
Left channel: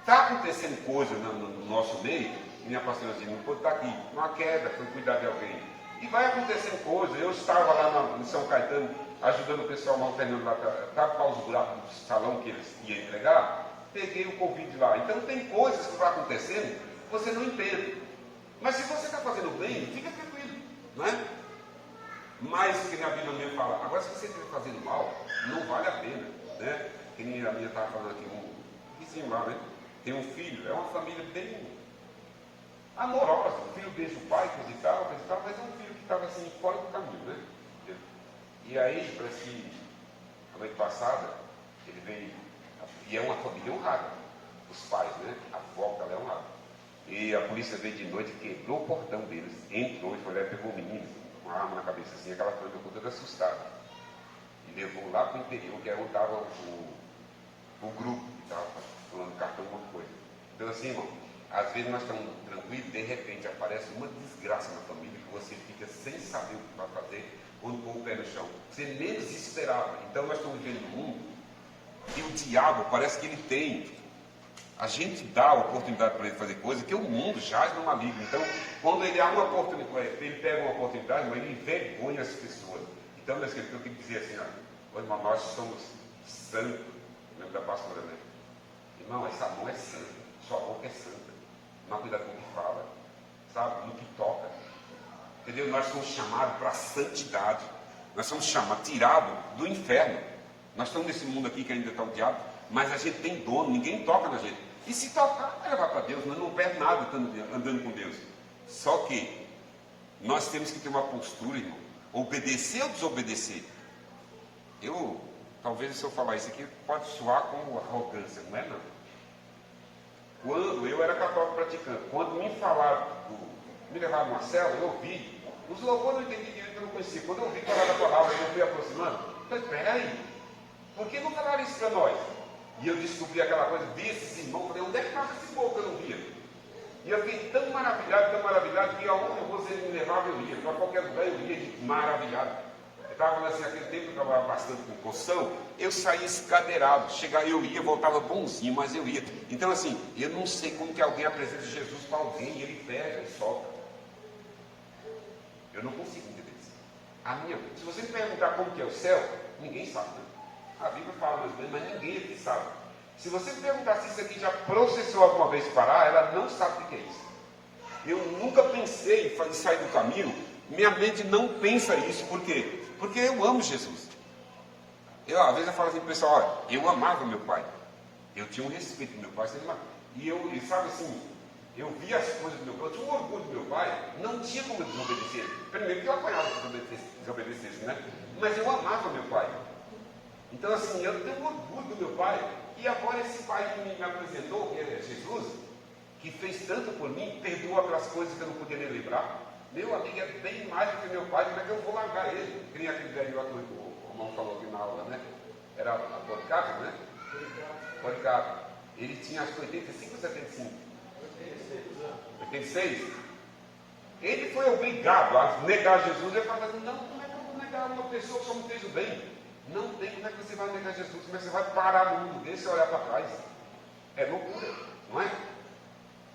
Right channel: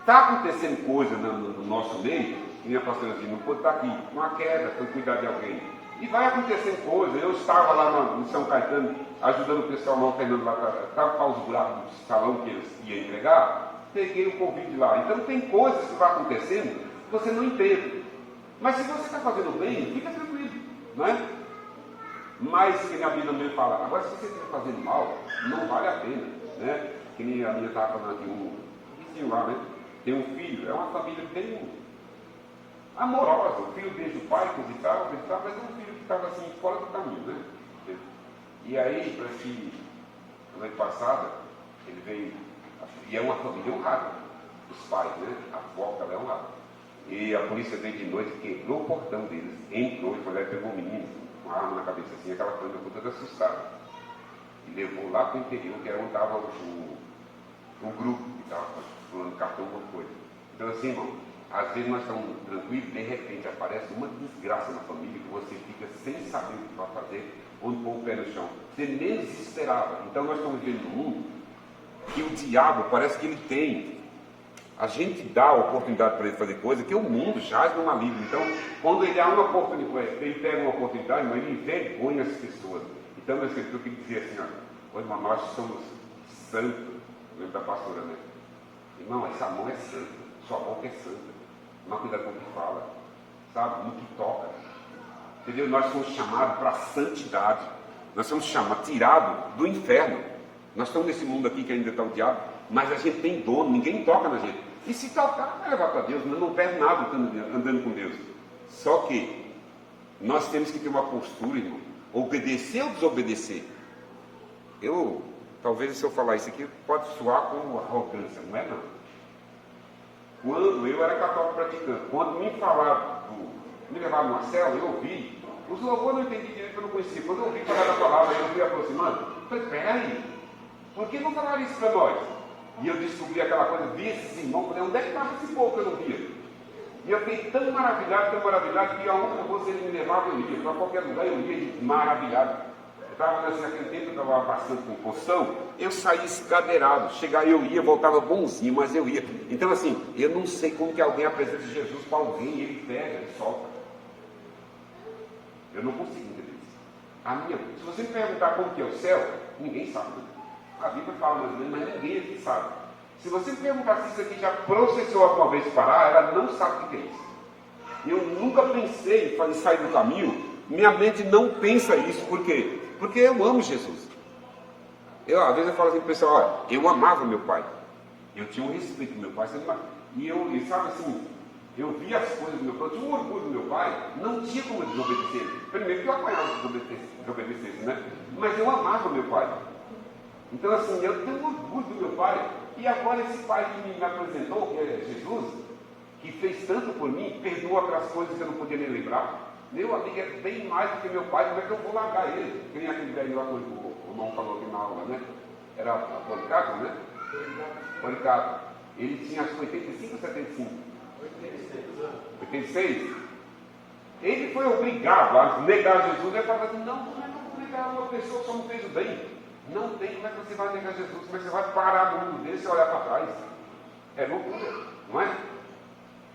está acontecendo coisa no nosso meio, que minha pastora dizia, não pode estar aqui, uma queda, foi cuidar de alguém. E vai acontecendo coisa. Eu estava lá no São Caetano, ajudando o pessoal lá, o Fernando lá, estava para os buracos do salão que eles iam entregar, peguei o Covid lá. Então tem coisas que vão acontecendo que você não entende. Mas se você está fazendo bem, fica tranquilo, não é? Mas, que a Bíblia também fala, agora se você estiver fazendo mal, não vale a pena, né? Que nem a minha estava falando aqui, um vizinho lá, né? Tem um filho, é uma família bem amorosa, o filho desde o pai, coisa e tal, mas é um filho que estava assim, fora do caminho, né? E aí, parece que, na noite passada, ele veio, e é uma família honrada, os pais, né? A avó dela é honrada. E a polícia veio de noite, quebrou o portão deles, entrou, e pegou o menino, com uma arma na cabeça assim, aquela coisa, eu toda assustada. E levou lá para o interior, que é onde estava o grupo que estava pulando cartão, alguma coisa. Então assim, irmão, às vezes nós estamos tranquilos, de repente aparece uma desgraça na família, que você fica sem saber o que vai fazer, onde pôr o pé no chão. Você menos esperava. Então nós estamos vivendo num mundo que o diabo parece que ele tem. A gente dá a oportunidade para ele fazer coisa que o mundo jaz no maligno. Então, quando ele há uma oportunidade, ele pega uma oportunidade, ele envergonha as pessoas. Então, meus queridos, eu tenho que dizer assim, ó, irmão, nós somos santos, lembro da pastora, né? Irmão, essa mão é santa, sua boca é santa. Mas cuidado com o que fala, sabe? No que toca. Entendeu? Nós somos chamados para a santidade. Nós somos chamados, tirados do inferno. Nós estamos nesse mundo aqui que ainda está o diabo, mas a gente tem dono, ninguém toca na gente. E se tocar, vai levar para Deus, nós não perde nada andando com Deus. Só que nós temos que ter uma postura, irmão, obedecer ou desobedecer. Talvez se eu falar isso aqui, pode soar como arrogância, não é não. Quando eu era católico praticante, quando me falaram, me levaram numa célula, eu ouvi, os louvores eu não entendi direito, eu não conhecia. Quando eu ouvi cada palavra, eu fui aproximando, eu falei, peraí, por que não falaram isso para nós? E eu descobri aquela coisa, vi esses irmãos, falei, onde é que estava esse povo que eu não via? E eu fiquei tão maravilhado, que aonde eu fosse ele me levava, eu ia, para qualquer lugar eu ia, maravilhado. Eu estava naquele tempo, eu estava bastante com posição, eu saía escadeirado, eu ia, voltava bonzinho, mas eu ia. Então assim, eu não sei como que alguém apresenta Jesus para alguém, e ele pega, ele solta. Eu não consigo entender isso. Se você me perguntar como que é o céu, ninguém sabe, né? A Bíblia fala mais ou menos, mas ninguém aqui sabe. Se você me perguntar se isso aqui já processou alguma vez parar, ela não sabe o que é isso. Eu nunca pensei em sair do caminho, minha mente não pensa isso, por quê? Porque eu amo Jesus. Às vezes eu falo assim para o pessoal, olha, eu amava meu pai. Eu tinha um respeito do meu pai, e sabe assim, eu via as coisas do meu pai, eu tinha um orgulho do meu pai, não tinha como eu desobedecer. Primeiro que eu apanhava se desobedecesse, né? Mas eu amava meu pai. Então assim, eu tenho orgulho do meu pai, e agora esse pai que me apresentou, que é Jesus, que fez tanto por mim, perdoa aquelas coisas que eu não podia nem lembrar. Meu amigo é bem mais do que meu pai, como é que eu vou largar ele? Que nem aquele velho lá que o irmão falou aqui na aula, né? Era a Policarpo, né? Policarpo. Ele tinha acho que 85 ou 75? 86? Ele foi obrigado a negar Jesus. Ele estava dizendo, não, como é que eu vou negar uma pessoa que só não fez o bem? Não tem, como é que você vai negar Jesus? Como é que você vai parar no mundo desse e olhar para trás? É loucura, não é?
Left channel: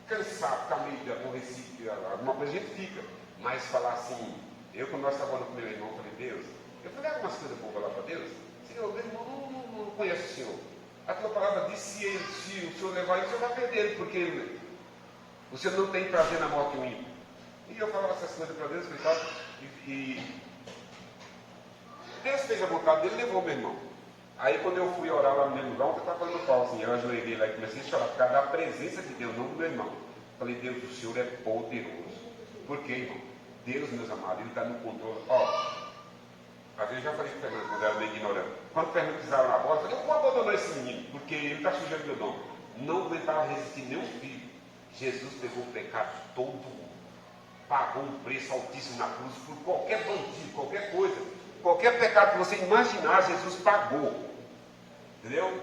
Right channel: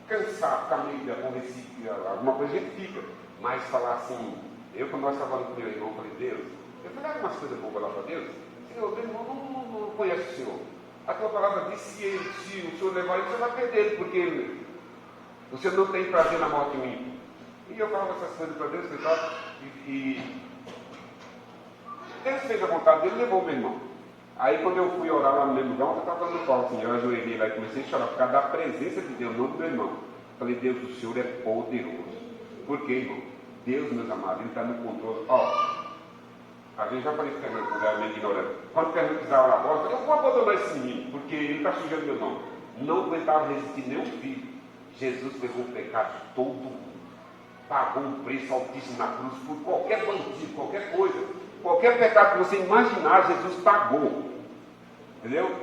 Cansado, ficar meio aborrecido, alguma coisa a gente fica. Mas falar assim, quando nós estávamos com meu irmão, falei, Deus, eu falei umas coisas boas lá para Deus. Senhor, meu irmão não conhece o Senhor. A tua palavra diz, se o Senhor levar ele, o Senhor vai perder ele, porque o Senhor não tem prazer na morte ruim. E eu falava essas coisas para Deus, e Deus fez a vontade dele, levou meu irmão. Aí quando eu fui orar lá no mesmo lugar, eu estava fazendo pau assim, eu ajoelhei lá e comecei a chorar, por causa da presença de Deus, não do meu irmão. Falei, Deus, o Senhor é poderoso. Por quê, irmão? Deus, meus amados, Ele está no controle. Às vezes eu já falei para o Fernando, quando era meio ignorante. Quando o Fernando precisava na bola, eu falei, eu vou abandonar esse menino, porque ele está sujando meu nome. Não aguentava resistir nem um filho. Jesus pegou o pecado de todo mundo. Pagou um preço altíssimo na cruz por qualquer bandido, qualquer coisa. Qualquer pecado que você imaginar, Jesus pagou. Entendeu?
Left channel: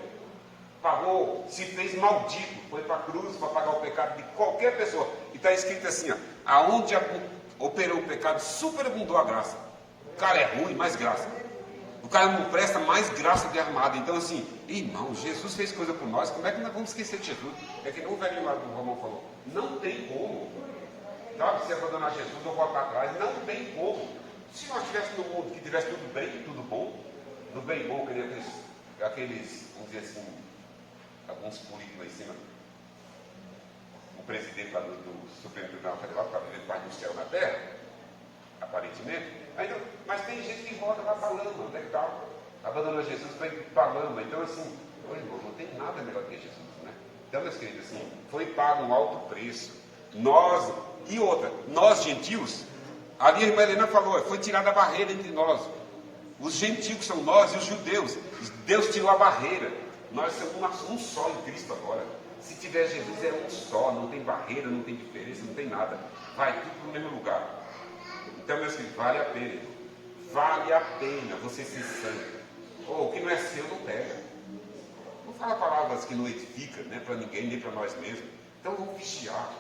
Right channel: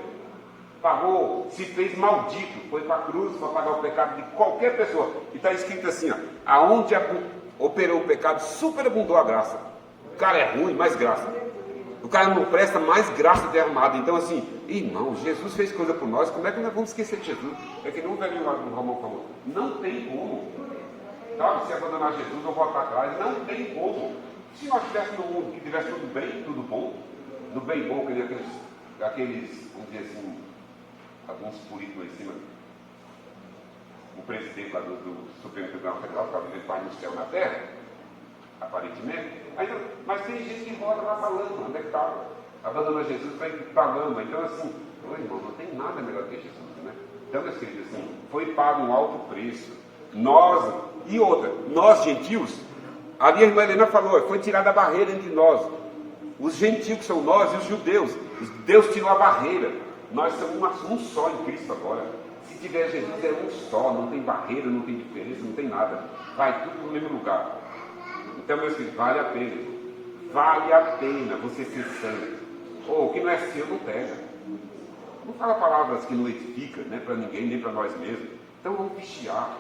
Pagou, se fez maldito, foi para a cruz para pagar o pecado de qualquer pessoa. E está escrito assim, aonde operou o pecado, superabundou a graça. O cara é ruim, mais graça. O cara não presta, mais graça derramada. Então assim, irmão, Jesus fez coisa por nós, como é que nós vamos esquecer de Jesus? É que nem o velhinho lá do Romão falou, não tem como. Sabe, se abandonar Jesus ou voltar atrás, não tem como. Se nós estivéssemos num mundo que tivesse tudo bem, tudo bom, no bem bom, que nem aqueles, vamos dizer assim, alguns políticos lá em cima, o presidente lá do Supremo Tribunal Federal, que estava vivendo paz no céu na terra, aparentemente, mas tem gente que roda lá falando, onde é que estava? Abandonou Jesus para ir para a lama. Então assim, irmão, não tem nada melhor que Jesus, né? Então, meus queridos, assim, foi pago um alto preço. Nós gentios, ali a irmã Helena falou, foi tirada a barreira entre nós. Os gentios que são nós, os judeus, Deus tirou a barreira. Nós somos um só em Cristo agora. Se tiver Jesus, é um só, não tem barreira, não tem diferença, não tem nada. Vai tudo no mesmo lugar. Então, meus filhos, vale a pena. Vale a pena você ser santo. O que não é seu, não pega. Não fala palavras que não edificam, né, para ninguém, nem para nós mesmos. Então, vamos vigiar.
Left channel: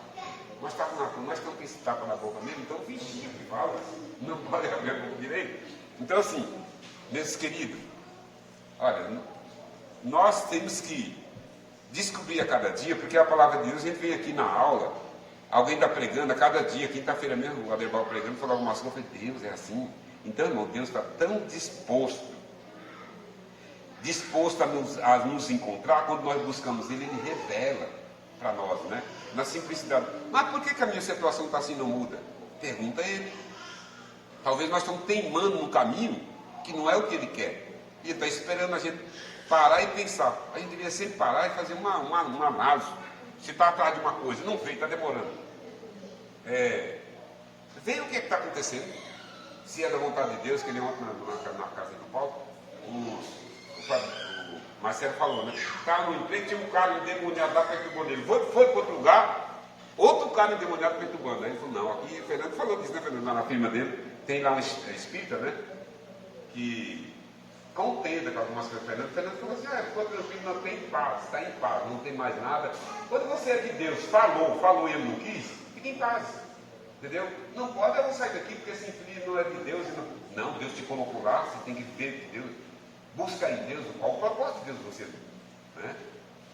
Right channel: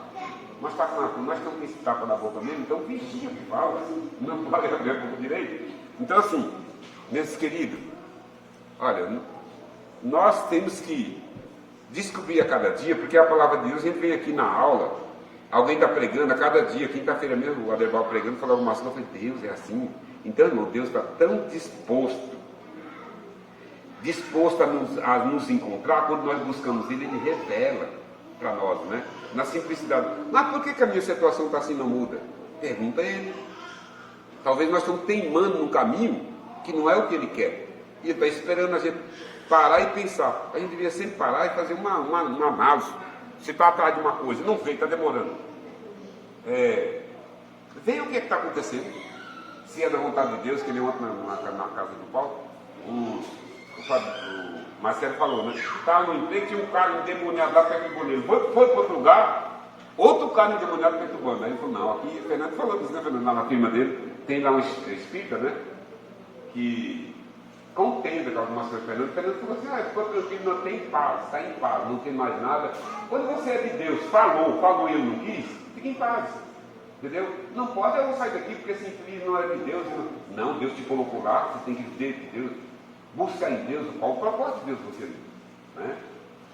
Nós estamos com esse tapa na boca mesmo, então vigia o que fala. Não vale a pena por direito. Então, assim, meus queridos, olha, nós temos que descobrir a cada dia, porque a palavra de Deus, a gente vem aqui na aula, alguém está pregando a cada dia, quinta-feira mesmo, o Aderbal pregando, falou alguma coisa, eu falei, Deus é assim. Então, irmão, Deus está tão disposto a nos encontrar, quando nós buscamos Ele, Ele revela para nós, né? Na simplicidade. Mas por que a minha situação está assim e não muda? Pergunta a Ele. Talvez nós estamos teimando num caminho que não é o que Ele quer. E Ele está esperando a gente parar e pensar. A gente deveria sempre parar e fazer uma análise. Você está atrás de uma coisa, não vem, está demorando. Veja o que está acontecendo. Se é da vontade de Deus, que nem ontem na casa de Paulo, o Marcelo falou, né? Estava no emprego, tinha um cara endemoniado lá perturbando ele. Foi para outro lugar, outro cara endemoniado perturbando. Aí ele falou, não, aqui, o Fernando falou disso, né, Fernando? Na firma dele, tem lá um espírita, né? Que contenda com algumas coisas. O Fernando falou assim, ficou tranquilo, não tem paz, está em paz, não tem mais nada. Quando você é de Deus, falou, ele não quis, fica em paz. Entendeu? Não pode eu sair daqui porque esse infeliz não é de Deus. Não, Deus te colocou lá, você tem que ver que Deus, buscar em Deus, qual o propósito de Deus você, né?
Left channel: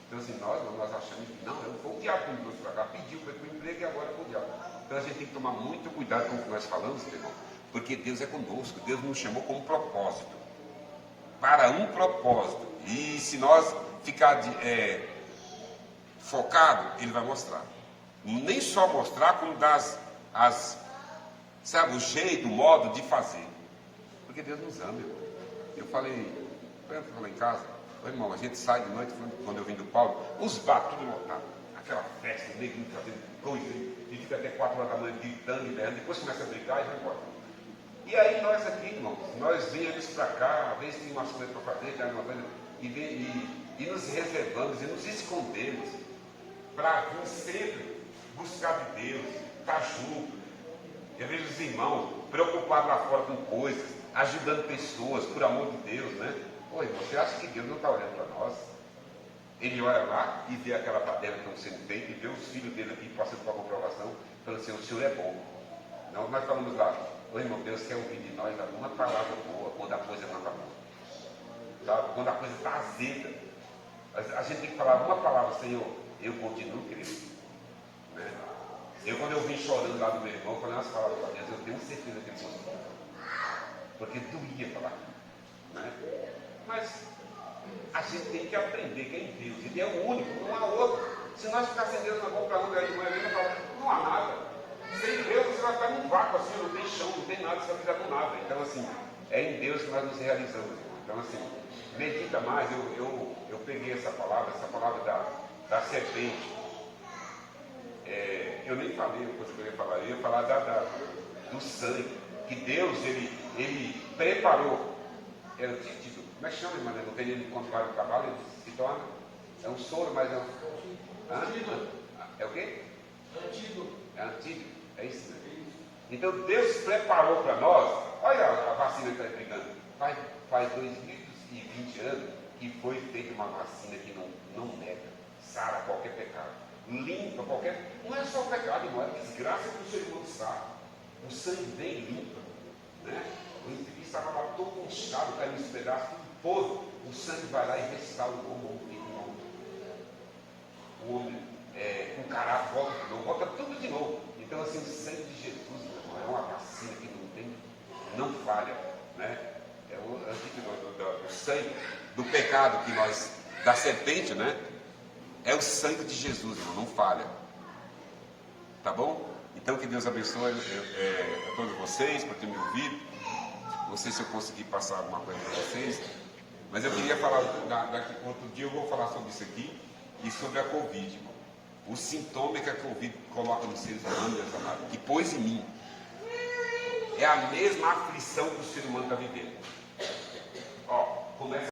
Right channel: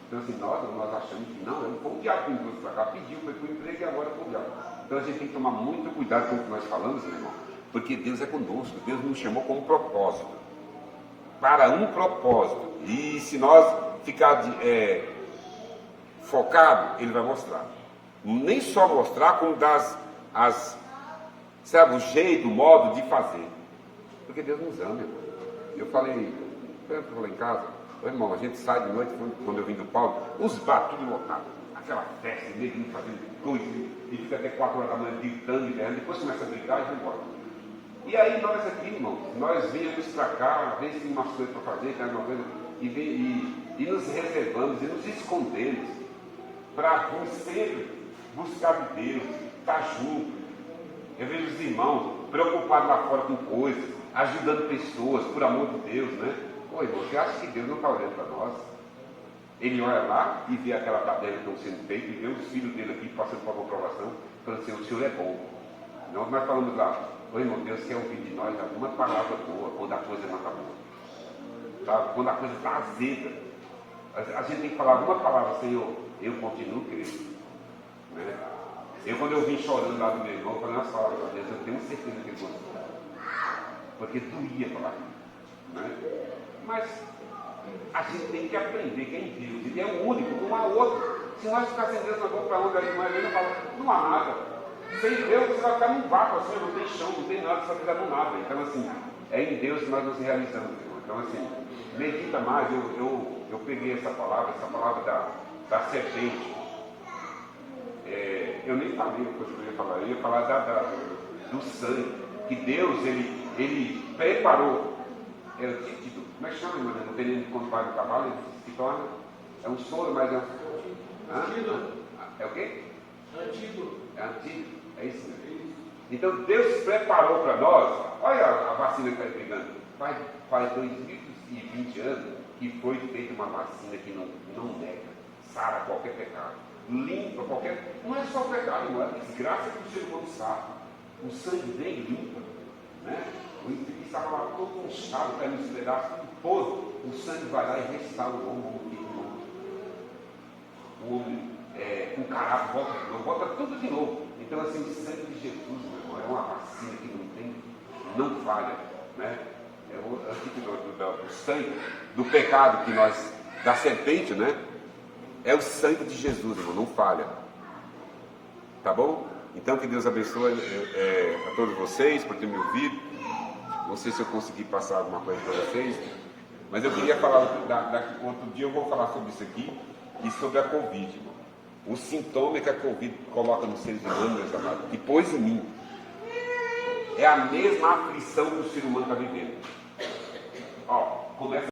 Então assim, nós achamos que não, foi o diabo que me trouxe para cá, pediu para o emprego e agora foi o diabo. Então a gente tem que tomar muito cuidado com o que nós falamos, meu irmão, porque Deus é conosco, Deus nos chamou com um propósito, para um propósito, e se nós ficar focado, Ele vai mostrar, nem só mostrar, como sabe, o jeito, o modo de fazer, porque Deus nos ama, irmão. Eu falei em casa, irmão, a gente sai de noite, quando eu vim do Paulo, os bar tudo lotado, aquela festa, negro fazendo coisa, e fica até 4 horas da manhã gritando e berrando, depois começa a brigar e vai embora. E aí nós aqui, irmãos, nós viemos para cá, às vezes tem umas coisas para fazer, tem alguma coisa, e nos reservamos e nos escondemos para vir sempre buscar de Deus, estar junto. Eu vejo os irmãos preocupados lá fora com coisas, ajudando pessoas, por amor de Deus, né? Oi, você acha que Deus não está olhando para nós? Ele olha lá e vê aquela baderna que estão sendo feita e vê os filhos dele aqui passando por uma aprovação, falando assim, o Senhor é bom. Nós falamos lá, ô irmão, Deus quer ouvir de nós alguma palavra boa quando a coisa não está boa. Sabe? Quando a coisa está azeda. A gente tem que falar uma palavra, Senhor, eu continuo crendo. Né? Quando eu vim chorando lá do meu irmão, eu falei umas palavras para Deus, eu tenho certeza que ele gostou. Porque doía falar. Né? Mas a gente tem que aprender que é em Deus. Ele é o único, não há outro. Se nós ficar sem Deus, nós vamos para onde a irmã Helena fala, não há nada. Sem Deus você vai ficar num vácuo assim, não tem chão, não tem nada, você vai ficar no nada. Então assim, é em Deus que nós nos realizamos, irmão. Então assim, medita mais, eu peguei essa palavra da serpente. Eu nem falei depois que eu ia falar, eu ia falar do sangue, que Deus, ele preparou. Como é que chama, irmã? No veneno quando vai do cavalo, ele se torna, é um soro, mas é um... É o quê? É antigo, é isso mesmo. Então Deus preparou para nós, olha a vacina que está pegando, faz 2020 anos que foi feita uma vacina que não nega, sara qualquer pecado, limpa qualquer, não é só o pecado, não é desgraça que o ser humano sabe, o sangue dele limpa, né? O infeliz estava lá todo manchado, caindo nos pedaços, todo, o sangue vai lá e restaura o homem, o homem com caráter, volta tudo de novo. Então assim, o sangue de Jesus, meu irmão, é uma vacina que não falha, né? É o antídoto do sangue, do pecado que nós, da serpente, né? É o sangue de Jesus, irmão, não falha. Tá bom? Então que Deus abençoe a todos vocês por ter me ouvido. Não sei se eu consegui passar alguma coisa para vocês, mas eu queria falar, outro dia eu vou falar sobre isso aqui e sobre a Covid, irmão. O sintoma que a Covid coloca nos seres humanos, meus amados, que pôs em mim, é a mesma aflição que o ser humano está vivendo. Ó, começa